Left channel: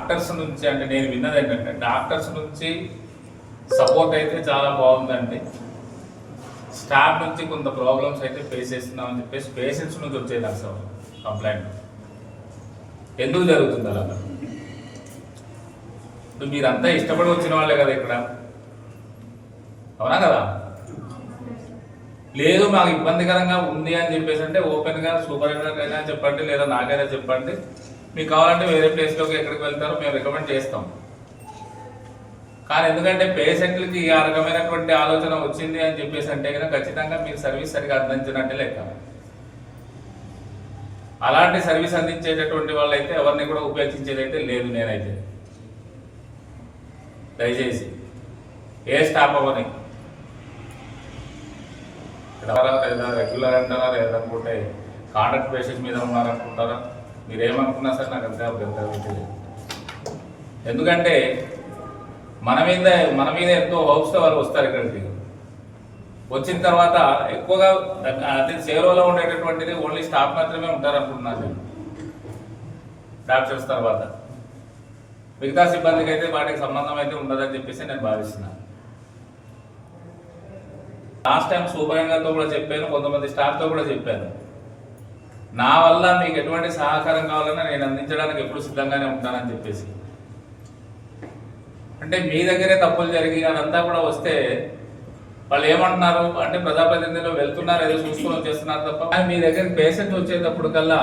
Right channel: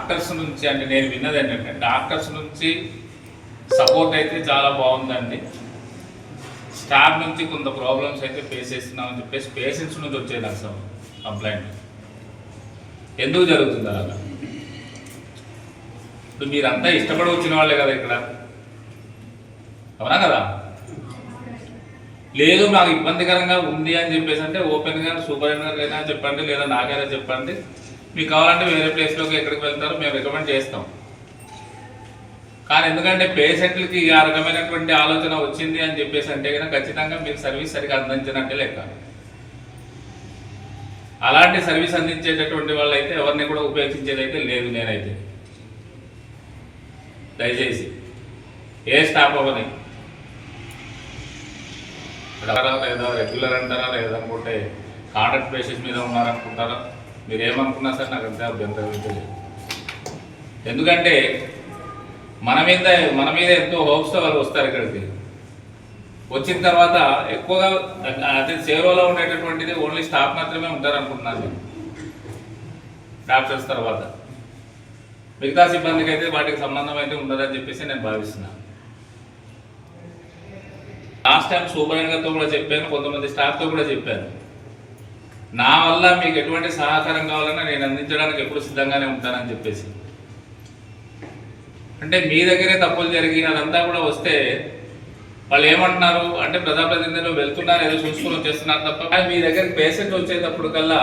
Doctors నుంచి అంటే నేను విన్నది ఏంటంటే డాక్టర్స్ నుంచి సపోర్ట్ అయితే చాలా బాగుందండి. స్టాఫ్ నుంచి కొంత ప్రాబ్లమ్స్ అయితే ఫేస్ చేస్తున్నామని చెప్పేసి పేషెంట్స్ నుంచి వచ్చేది అసలు కంప్లైంట్. ఎందుకు జరుగుతుంది అలా? ఇప్పుడు మీరంతా ఇష్టపడి వచ్చిన వాళ్ళే కదా ఇక్కడ, అవునా కదా? లేదు మాకు ఇబ్బందికరంగా ఉంది అని చెప్పేసి అంటే ఓపెన్గా సూపరింటెండెంట్ అయినా చెప్పండి, లేదా నాకైనా చెప్పండి. మీకు కావాలంటే వేరే ప్లేస్లోకి ఎక్కడికి వెళ్తారో మేము రికమెండ్ చేస్తాం. కానీ ఎందుకంటే పేషెంట్లకి ఆ రకమైనటువంటి ఆలోచన వచ్చింది అని చెప్పేసి అంటే కనుక ఖచ్చితంగా మీరు సర్వీస్ సరిగా అందించినట్టే లెక్క. అలాంటి సర్వీస్ అందించేటటువంటి వాళ్ళు అయితే ఎవరిని కూడా ఉపేక్షించేది అయితే లేదు. నేనైతే దయచేసి ఏ స్టాఫ్ అవ్వని లేదా రెగ్యులర్ అంటారా లేదనుకుంటే కాంట్రాక్ట్ బేసిస్ మీద ఉన్నారనుకుంటారా, మీరు ఏమనుకున్నా సరే నాకు అంతే అభ్యంతరం లేదు. ఎందుకంటే మన మీద ఎంతో హోప్స్తో వాళ్ళు వస్తారు ఇక్కడికి. వచ్చిన తర్వాత ఎక్కువగా అదే సేవలో ఉండేటటువంటిది ఓన్లీ స్టాఫ్ మాత్రమే ఉంటారు అనుకుంటున్నాను నేను. డాక్టర్స్ తర్వాత మిగతా సిబ్బందికి అయితే వాటికి సంబంధం అయితే ఉండదని చెప్పేసి నేను భావిస్తున్నాను. లాస్ట్ టైం సూపరింటెండెంట్తో కూడా చెప్పాను, కొంతమంది స్టాఫ్తో కూడా చెప్పాను. నా వల్ల మీకు ఎటువంటి సహకారం కావాలన్నా నేను అందించడానికి ఎప్పుడు సిద్ధంగానే ఉంటానని చెప్పేసి. అంటే మీ దగ్గరే తప్పులు జరిగినదంతా కూడా వస్తే వాళ్ళు ఏమంటున్నారు అంటే ప్రజాప్రతినిధులు వెళ్తున్నారు ఏదో చూసుకొని వచ్చేస్తున్నారు తప్ప మీ దగ్గరికి పేషెంట్ వచ్చేటప్పుడు కల్లా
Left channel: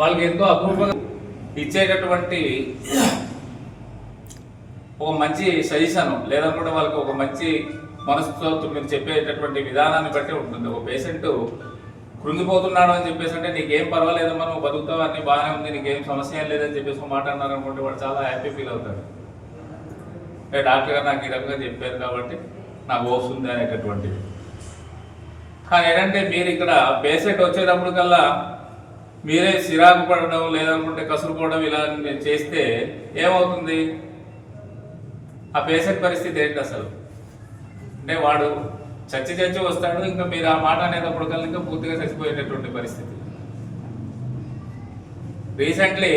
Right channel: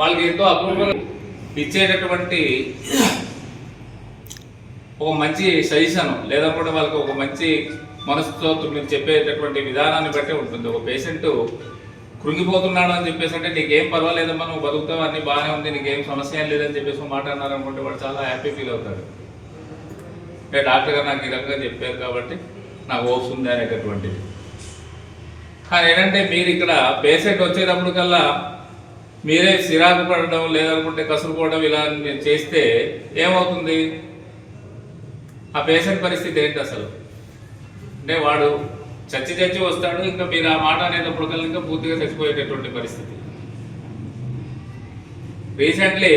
వాళ్ళకి ఎంతో అప్రూవల్ ఇచ్చేటటువంటి ఒక మంచి సజెషన్ లేదనుకుంటే వాళ్ళకి ఒక మంచి మనసుతో మీరు చెప్పేటటువంటి విధానాన్ని బట్టి ఉంటుంది. ఒక పేషెంట్ కృంగిపోతున్నాడు అని చెప్పేసి అంటే నీకేం పర్వాలేదమ్మా, నువ్వు బతుకుతావు, అన్నీ బాగానే ఉంది, నీకేం సమస్య ఏం లేదని చెప్పేసి మాట అన్నారు అనుకుంటే వాడు చాలా హ్యాపీ ఫీల్ అవుతాడు. అంటే డాక్టర్ గారు నాకు ఈ రకంగా చెప్పారు కాబట్టి నాకు హోప్స్ ఉంది అనేటటువంటిది. కానీ ఏంటంటే మీరు ఇక్కడ పేషెంట్ వచ్చేటప్పుడు కల్లా మీరే సిరాకు పడడం లేదనుకుంటే కసురుకోవడం ఇలా చేస్తే ఏమవుతుంది? ఆ పేషెంట్ పరిస్థితి ఏంటి అసలు? అంటే వాడు చచ్చి వస్తాడు, ఇంకా మీరు ఆ మాట అనేటప్పుడు కల్లా ఇంకా పూర్తిగా చచ్చిపోయేటటువంటి పరిస్థితి. రీసెంట్లీ